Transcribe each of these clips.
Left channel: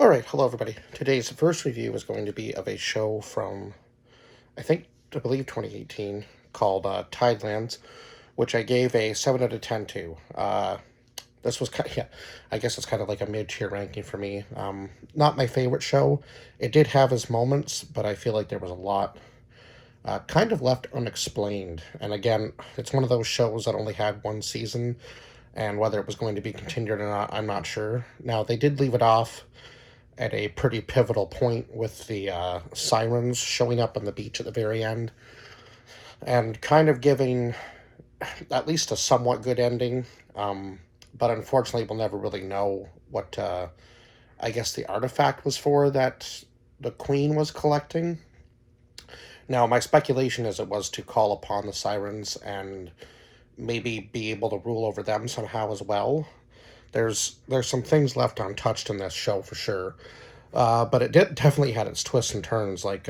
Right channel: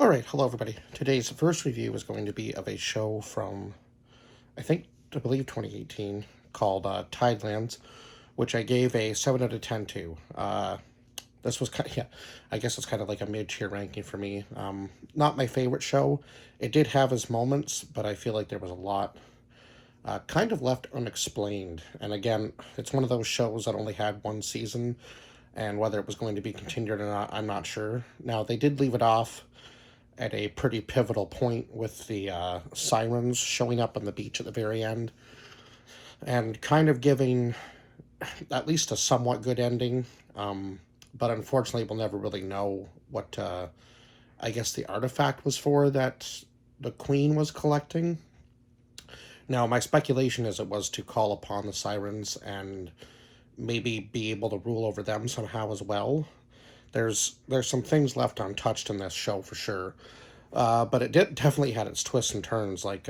Alright, hello everybody. Today's first review is going to be of a show from, I believe 2018, called Tidelands, which I gave a 7 out of 10 to. This was kind of, yeah, I guess it's kind of like a mid-tier ranking for me. Not my favorite show. It did have its moments, but I feel like there was a lot kind of left unexplained. And again, it's one of those shows that only had one season, and whether it was going to be continued or not, I'm not sure. Now, they did leave it off at a pretty pivotal point with the sirens showing up on the beach at the very end and kind of giving at least a somewhat good ending. But unfortunately, we'll never really know what I guess the artifact was for that the queen was collecting. Now, my speculation is it was to call upon the sirens and maybe be able to rule over them somehow as well. There's some things left untouched in this show for sure. But it definitely had its twists and turns, like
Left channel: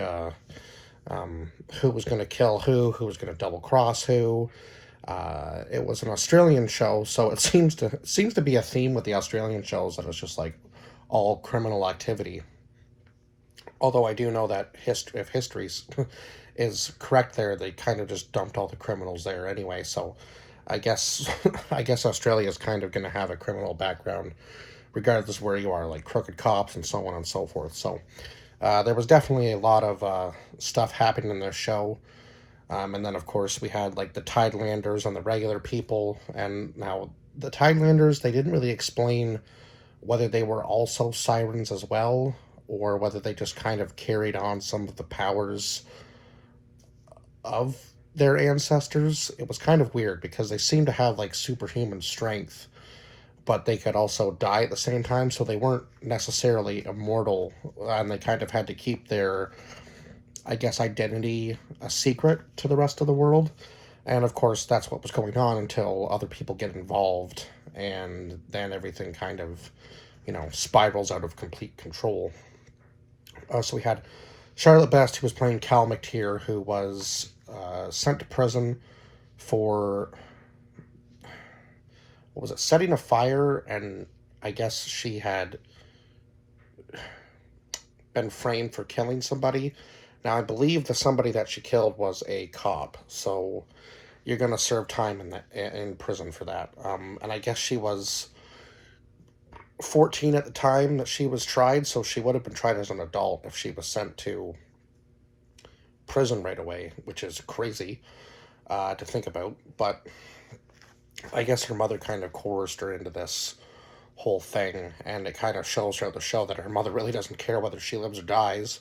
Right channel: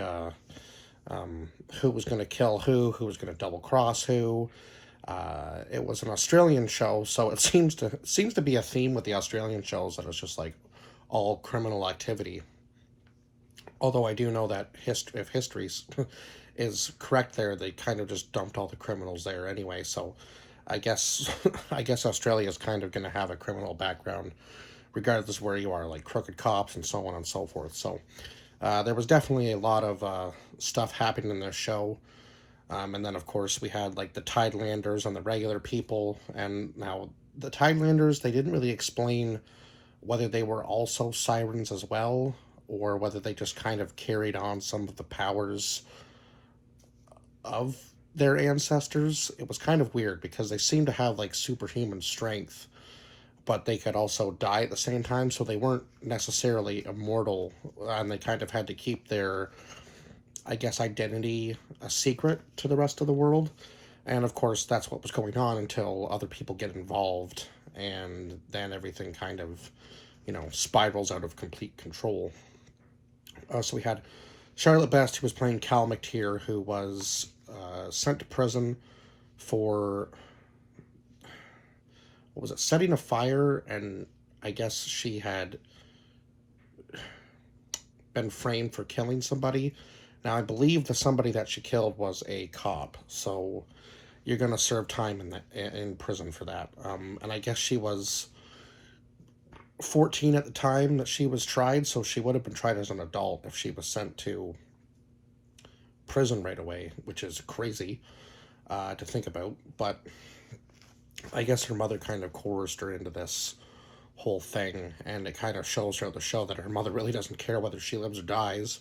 who was going to kill who was going to double cross who. It was an Australian show, so it seems to be a theme with the Australian shows that it's just like all criminal activity. Although I do know that if history is correct, there they kind of just dumped all the criminals there anyway. So I guess I guess Australia is kind of going to have a criminal background regardless of where you are, like crooked cops and so on and so forth. So there was definitely a lot of stuff happening in this show. And then, of course, we had like the Tidelanders and the regular people. And now the Tidelanders, they didn't really explain whether they were also sirens as well, or whether they just kind of carried on some of the powers of their ancestors. It was kind of weird because they seemed to have like superhuman strength, but they could also die at the same time, so they weren't necessarily immortal, and they kind of had to keep their, I guess, identity a secret to the rest of the world. And of course, that's what was going on until other people get involved, and then everything kind of, spirals out of complete control. So we had Charlotte Best, who was playing Cal McTeer, who was sent to prison for, what was it, setting a fire, and I guess she had been framed for killing somebody. Now, I believe the somebody that she killed was a cop, so you're going to serve time in prison for that. And I guess she was 14 at the time that she was tried, so she would have been tried as an adult if she was sent to prison right away, which is crazy to think about. But I guess her mother kind of coerced her into this whole thing, and it kind of shows throughout the show that her mother really doesn't care whether she lives or dies,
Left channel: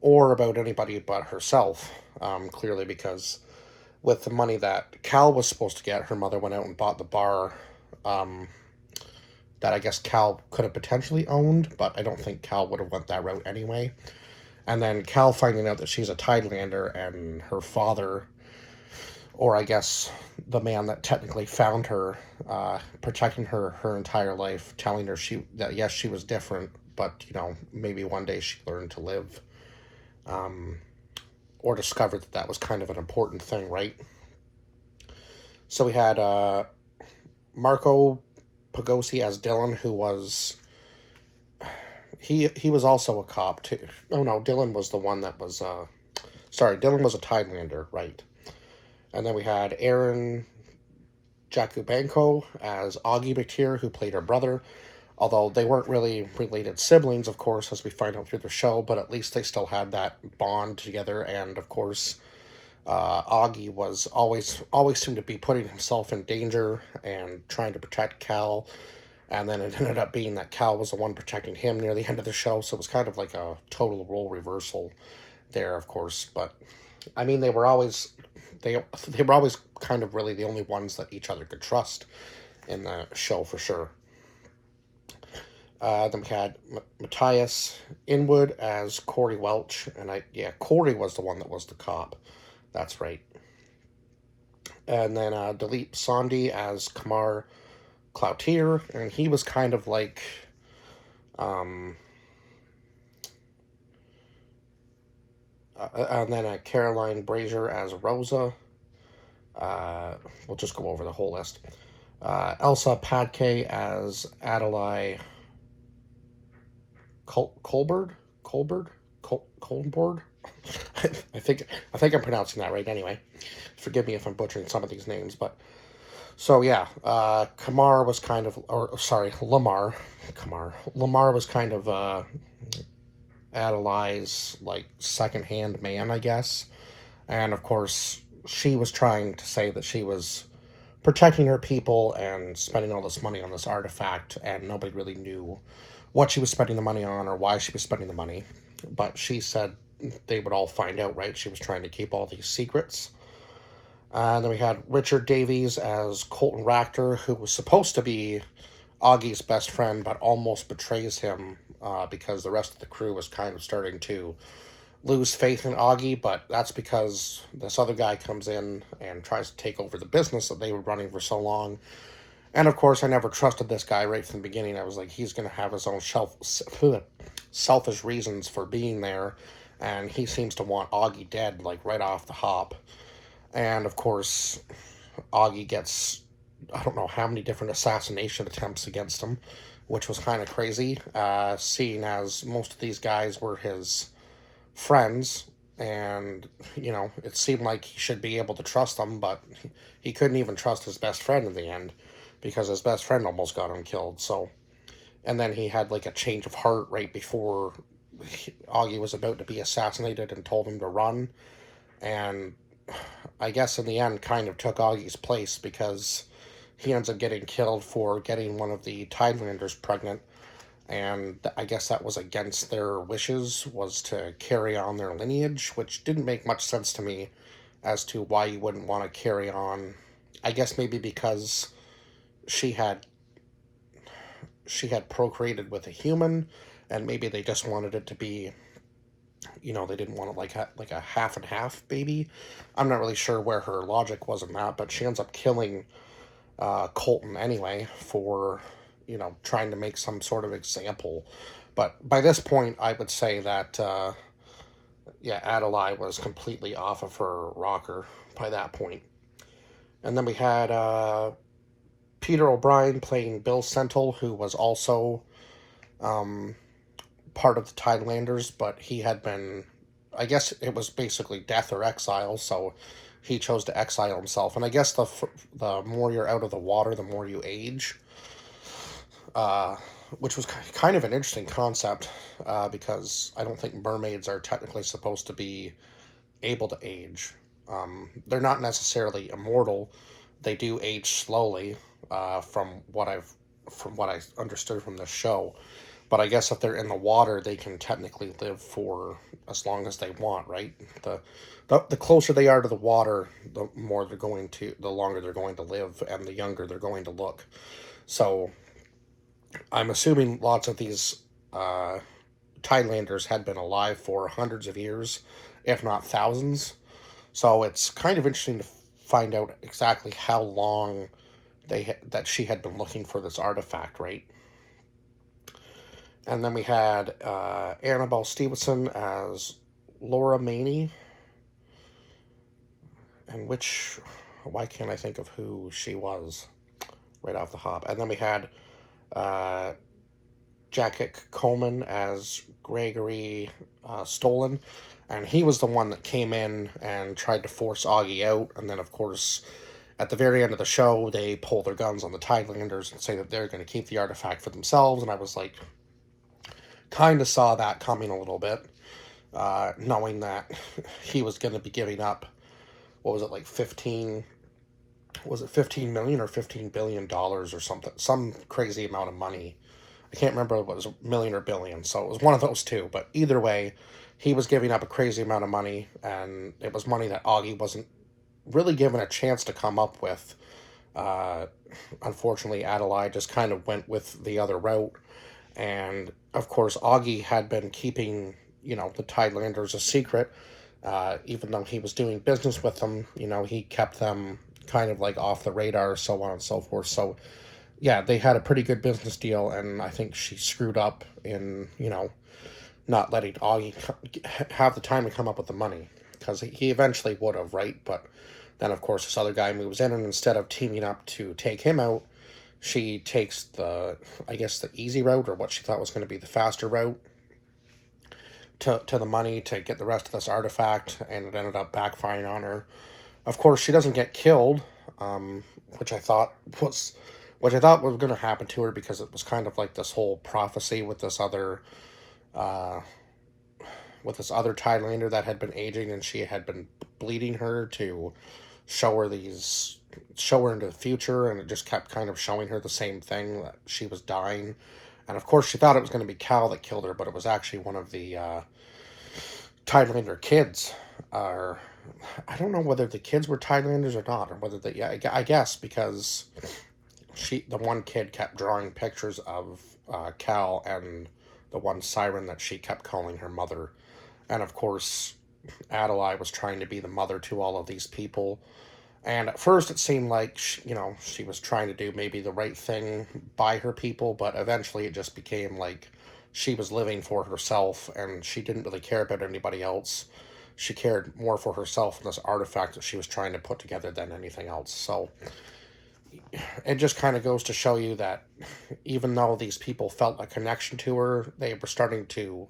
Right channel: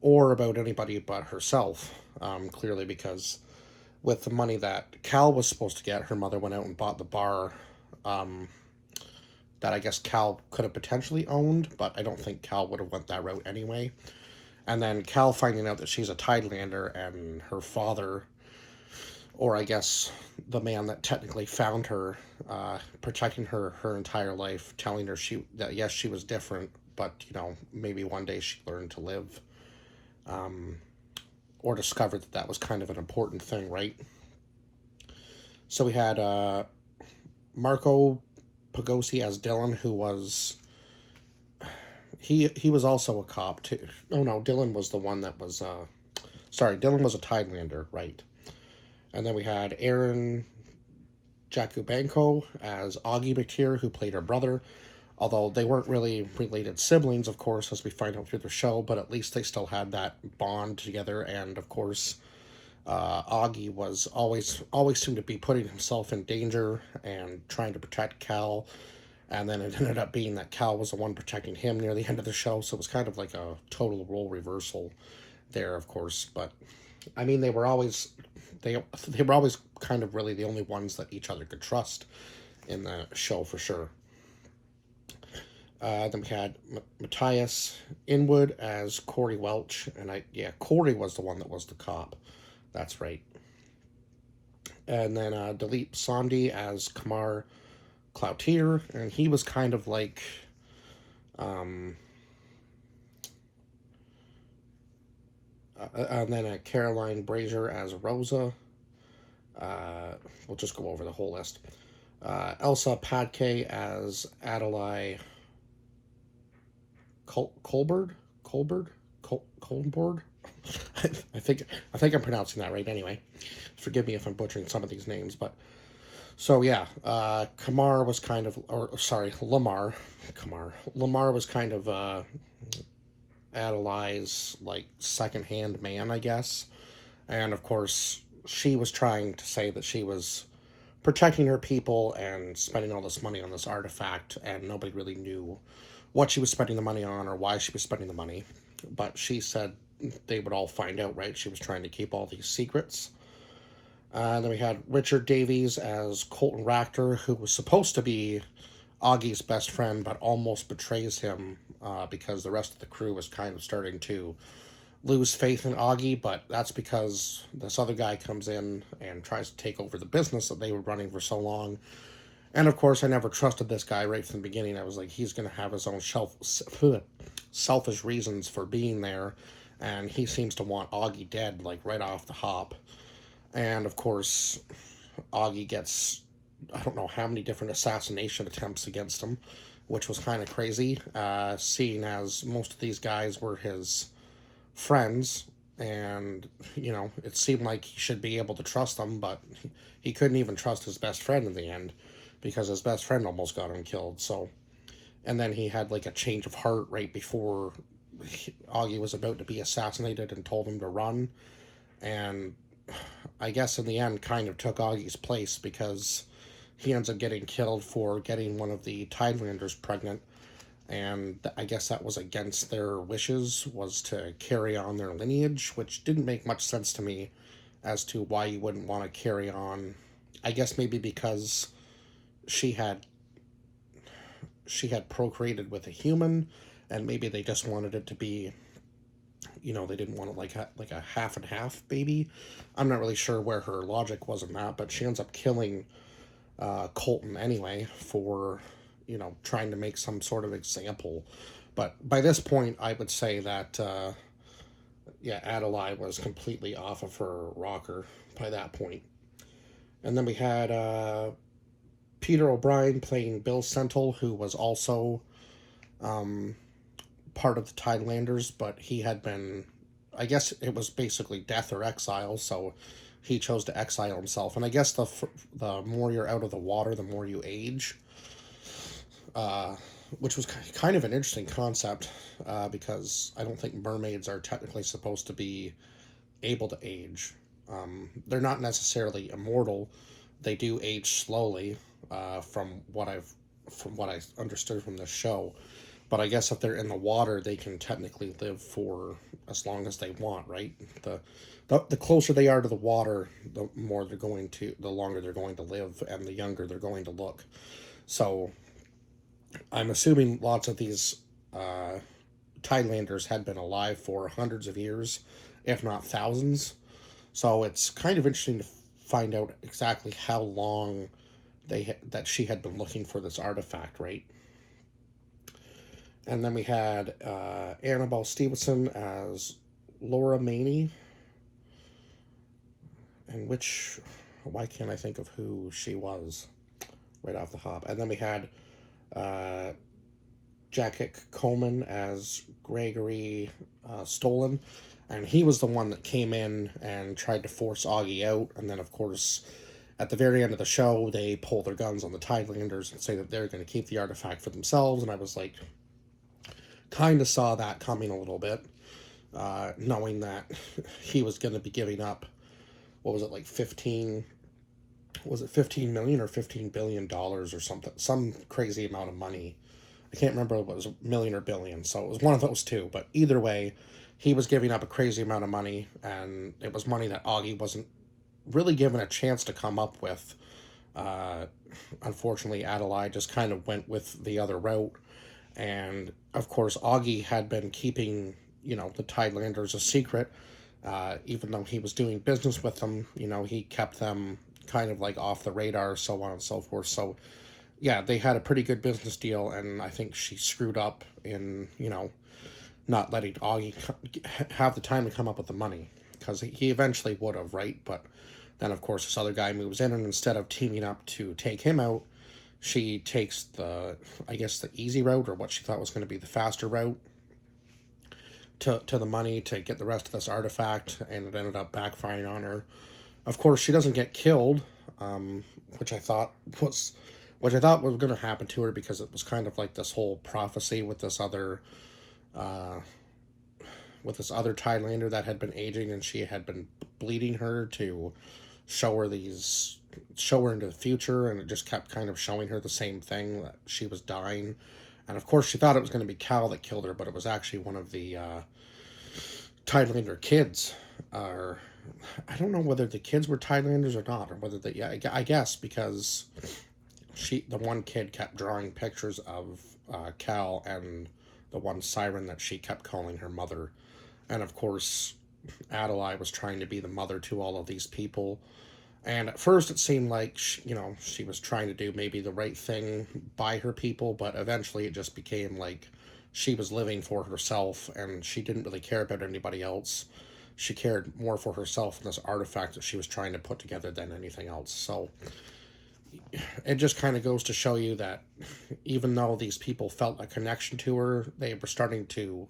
or about anybody but herself. Clearly, because with the money that Cal was supposed to get, her mother went out and bought the bar that I guess Cal could have potentially owned, but I don't think Cal would have went that route anyway. And then Cal finding out that she's a Tidelander, and her father, or I guess the man that technically found her, protecting her entire life, telling her that yes, she was different, but maybe one day she'd learn to live, or discovered that was kind of an important thing, right? So we had Marco Pagosi as Dylan, who was he was also a cop too. Oh no, Dylan was the one that was Dylan was a Tidelander, right? And then we had Aaron Jakubenko as Augie McTeer, who played her brother. Although they weren't really related siblings, of course, as we find out through the show, but at least they still had that bond together. And of course, Augie was always seemed to be putting himself in danger and trying to protect Cal. And then it ended up being that Cal was the one protecting him near the end of the show, so it was kind of like a total role reversal there, of course. But I mean, they were always kind of really the only ones that each other could trust in the show for sure. Then we had Matthias Inwood as Corey Welch, and Corey was the one that was the cop. That's right. And then Dilip Sandhi as Kamar Cloutier, and he was kind of like, and then Caroline Brazier as Rosa. We'll just go over the whole list. Elsa Padke as Adelaide Colbert, Colbert. I think I'm pronouncing that right. Anyway, forgive me if I'm butchering some of these names, but so yeah, Kamar was kind of, or sorry, Lamar was kind of Adelai's like second-hand man, I guess, and of course she was trying to say that she was protecting her people and spending all this money on this artifact, and nobody really knew what she was spending the money on or why she was spending the money. But she said they would all find out, right? She was trying to keep all these secrets. Then we had Richard Davies as Colton Ractor, who was supposed to be Augie's best friend, but almost betrays him because the rest of the crew was kind of starting to lose faith in Augie, but that's because this other guy comes in and tries to take over the business that they were running for so long. And of course, I never trusted this guy right from the beginning. I was like, he's going to have his own selfish reasons for being there, and he seems to want Augie dead, like right off the hop. And of course, Augie gets, I don't know how many different assassination attempts against him, which was kind of crazy, seeing as most of these guys were his friends, and it seemed like he should be able to trust them, but he couldn't even trust his best friend in the end because his best friend almost got him killed. So, and then he had like a change of heart right before Augie was about to be assassinated and told him to run, and I guess in the end kind of took Augie's place because he ends up getting killed for getting one of the Tidelanders pregnant, and I guess that was against their wishes, was to carry on their lineage, which didn't make much sense to me as to why you wouldn't want to carry on. I guess maybe because she had procreated with a human, and maybe they just wanted it to be, they didn't want it like a half and half baby. I'm not really sure where her logic was in that, but she ends up killing Colton anyway for trying to make some sort of example. But by this point, I would say that Adelaide was completely off of her rocker by that point. And then we had Peter O'Brien playing Bill Sentle, who was also part of the Tidelanders, but he had been, I guess it was basically death or exile, so he chose to exile himself. And I guess the more you're out of the water, the more you age, which was kind of an interesting concept, because I don't think mermaids are technically supposed to be able to age. They're not necessarily immortal. They do age slowly, from what I understood from the show. But I guess if they're in the water, they can technically live for as long as they want, right? The closer they are to the water, the longer they're going to live, and the younger they're going to look. So I'm assuming lots of these Tidelanders had been alive for hundreds of years, if not thousands. So it's kind of interesting to find out exactly how long that she had been looking for this artifact, right? And then we had Annabelle Stevenson as Laura Maney, and why can't I think of who she was right off the hop? And then we had Jacket Coleman as Gregory Stolen, and he was the one that came in and tried to force Augie out, and then of course at the very end of the show they pull their guns on the Tidelanders and say that they're going to keep the artifact for themselves, and I was like, kind of saw that coming a little bit, knowing that he was going to be giving up, what was it, like 15 million or $15 billion or something, some crazy amount of money. I can't remember if it was a million or billion, so it was one of those two, but either way, he was giving up a crazy amount of money, and it was money that Augie wasn't really given a chance to come up with. Unfortunately, Adelaide just kind of went with the other route. And of course, Augie had been keeping, the Tidelanders a secret, even though he was doing business with them. He kept them kind of like off the radar, so on and so forth. So, yeah, they had a pretty good business deal, and I think she screwed up in, not letting Augie have the time to come up with the money, because he eventually would have, right? But then, of course, this other guy moves in, and instead of teaming up to take him out, she takes the easy route, or what she thought was going to be the faster route, to the money to get the rest of this artifact, and it ended up backfiring on her. Of course, she doesn't get killed, um, which I thought was going to happen to her, because it was kind of like this whole prophecy uh, with this other Tidelander that had been aging, and she had been bleeding her to show her these show her into the future, and it just kept kind of showing her the same thing, that she was dying. And of course, she thought it was going to be Cal that killed her, but it was actually one of the Tidelander kids. Or I don't know whether the kids were Tidelanders or not, or whether they. Yeah, I guess because the one kid kept drawing pictures of Cal and the one siren that she kept calling her mother, and of course, Adelaide was trying to be the mother to all of these people. And at first, it seemed like she was trying to do maybe the right thing by her people, but eventually, it just became like she was living for herself, and she didn't really care about anybody else. She cared more for herself and this artifact that she was trying to put together than anything else. So it just kind of goes to show you that even though these people felt a connection to her, they were starting to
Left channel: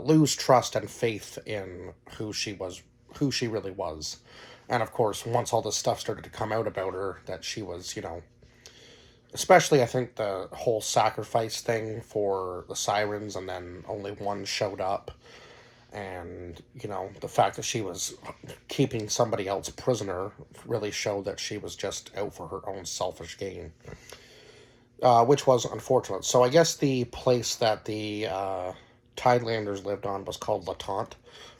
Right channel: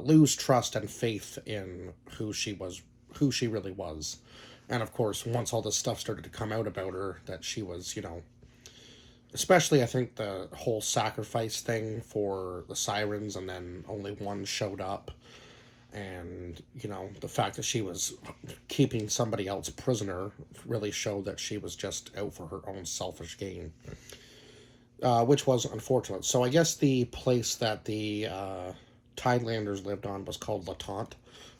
lose trust and faith in who she really was. And of course, once all this stuff started to come out about her, that she was, especially I think the whole sacrifice thing for the sirens, and then only one showed up, and the fact that she was keeping somebody else prisoner really showed that she was just out for her own selfish gain, which was unfortunate. So I guess the place that the Tidelanders lived on was called Lataunt,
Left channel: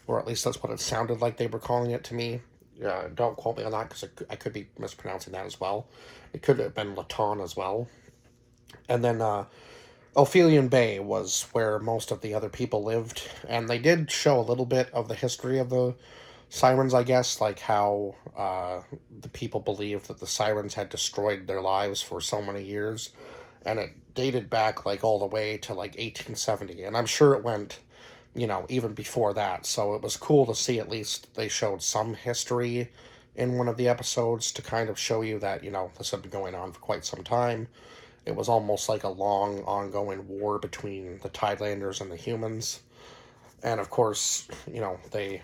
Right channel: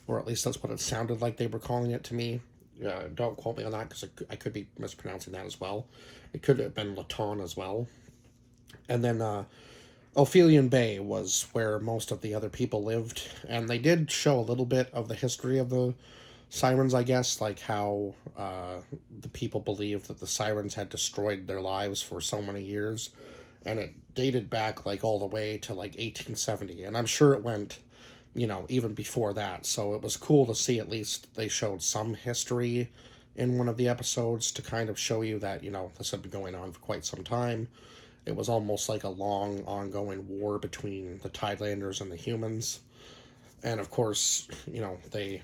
or at least that's what it sounded like they were calling it to me. Don't quote me on that, because I could be mispronouncing that as well. It could have been Laton as well. And then Ophelian Bay was where most of the other people lived, and they did show a little bit of the history of the sirens, I guess, like how the people believed that the sirens had destroyed their lives for so many years, and it dated back like all the way to like 1870, and I'm sure it went even before that. So it was cool to see at least they showed some history in one of the episodes to kind of show you that, this had been going on for quite some time. It was almost like a long, ongoing war between the Tidelanders and the humans. And of course, they,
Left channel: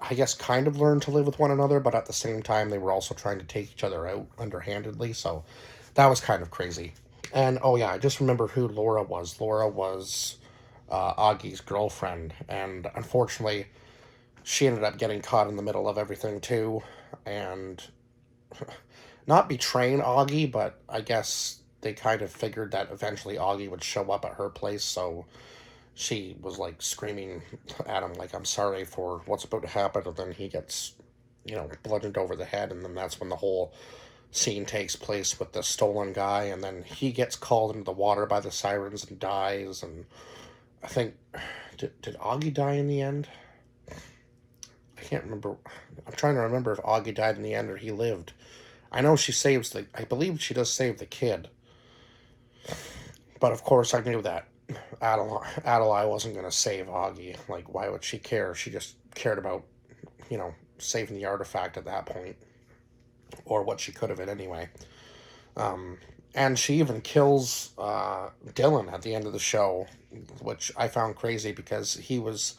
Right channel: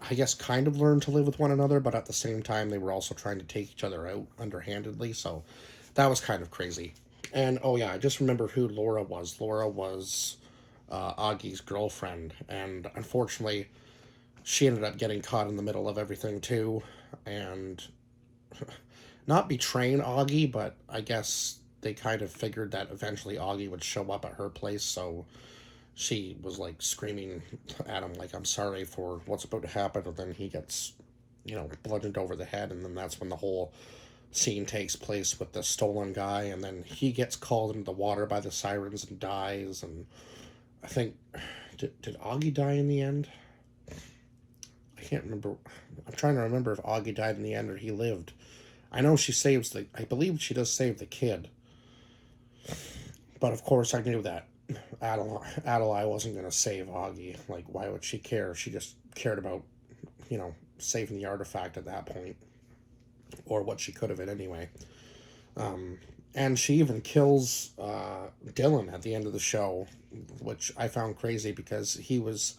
I guess, kind of learned to live with one another, but at the same time, they were also trying to take each other out underhandedly. So that was kind of crazy. And oh yeah, I just remember who Laura was. Laura was Augie's girlfriend, and unfortunately, she ended up getting caught in the middle of everything too, and not betraying Augie, but I guess they kind of figured that eventually Augie would show up at her place, so she was like screaming at him like, I'm sorry for what's about to happen, and then he gets, bludgeoned over the head, and then that's when the whole scene takes place with the stolen guy, and then he gets called into the water by the sirens and dies. And I think, did Augie die in the end? I can't remember. I'm trying to remember if Augie died in the end or he lived. I know I believe she does save the kid. But of course I knew that Adelaide wasn't going to save Augie. Like, why would she care? She just cared about, saving the artifact at that point. Or what she could have been anyway. And she even kills Dylan at the end of the show, which I found crazy, because he was,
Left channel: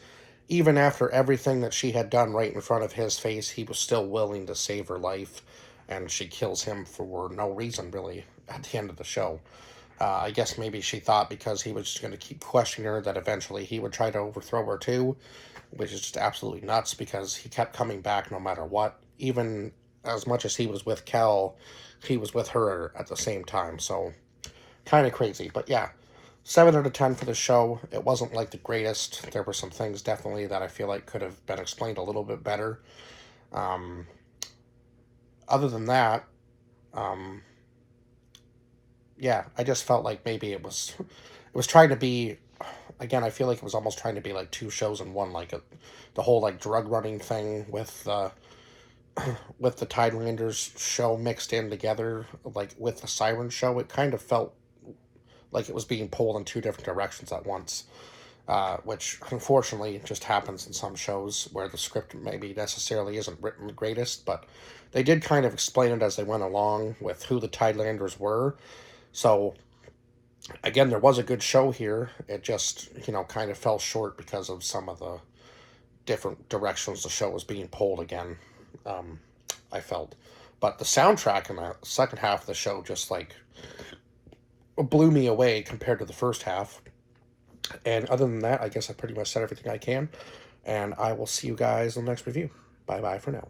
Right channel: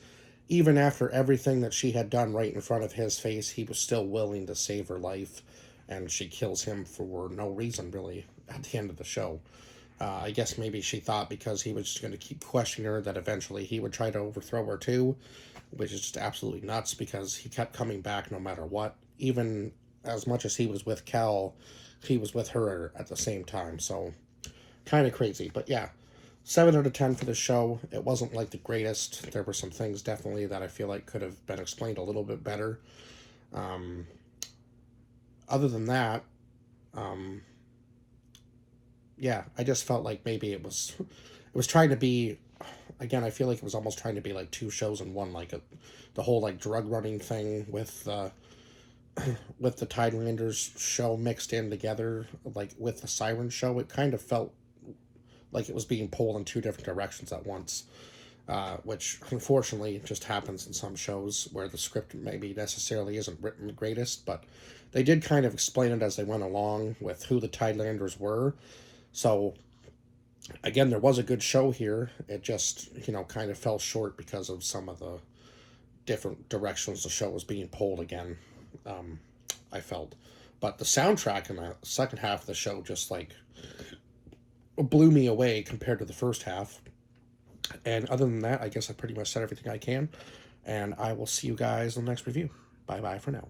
even after everything that she had done right in front of his face, he was still willing to save her life, and she kills him for no reason, really, at the end of the show. I guess maybe she thought because he was just going to keep questioning her that eventually he would try to overthrow her too, which is just absolutely nuts, because he kept coming back no matter what. Even as much as he was with Cal, he was with her at the same time. So kind of crazy. But yeah, 7 out of 10 for the show. It wasn't like the greatest. There were some things definitely that I feel like could have been explained a little bit better. Other than that, yeah, I just felt like maybe it was trying to be, again, I feel like it was almost trying to be like 2 shows in one, like the whole like drug running thing with with the Tidelanders show mixed in together, like with the Siren show. It kind of felt like it was being pulled in 2 different directions at once, which unfortunately just happens in some shows where the script maybe necessarily isn't written the greatest, but they did kind of explain it as they went along with who the Tidelanders were. So Again, there was a good show here. It just, kind of fell short because of some of the different directions the show was being pulled again, um, I felt. But the soundtrack in the second half of the show just, like, blew me away compared to the first half. And other than that, I guess I pretty much said everything I can. And I will see you guys in the next review. Bye bye for now.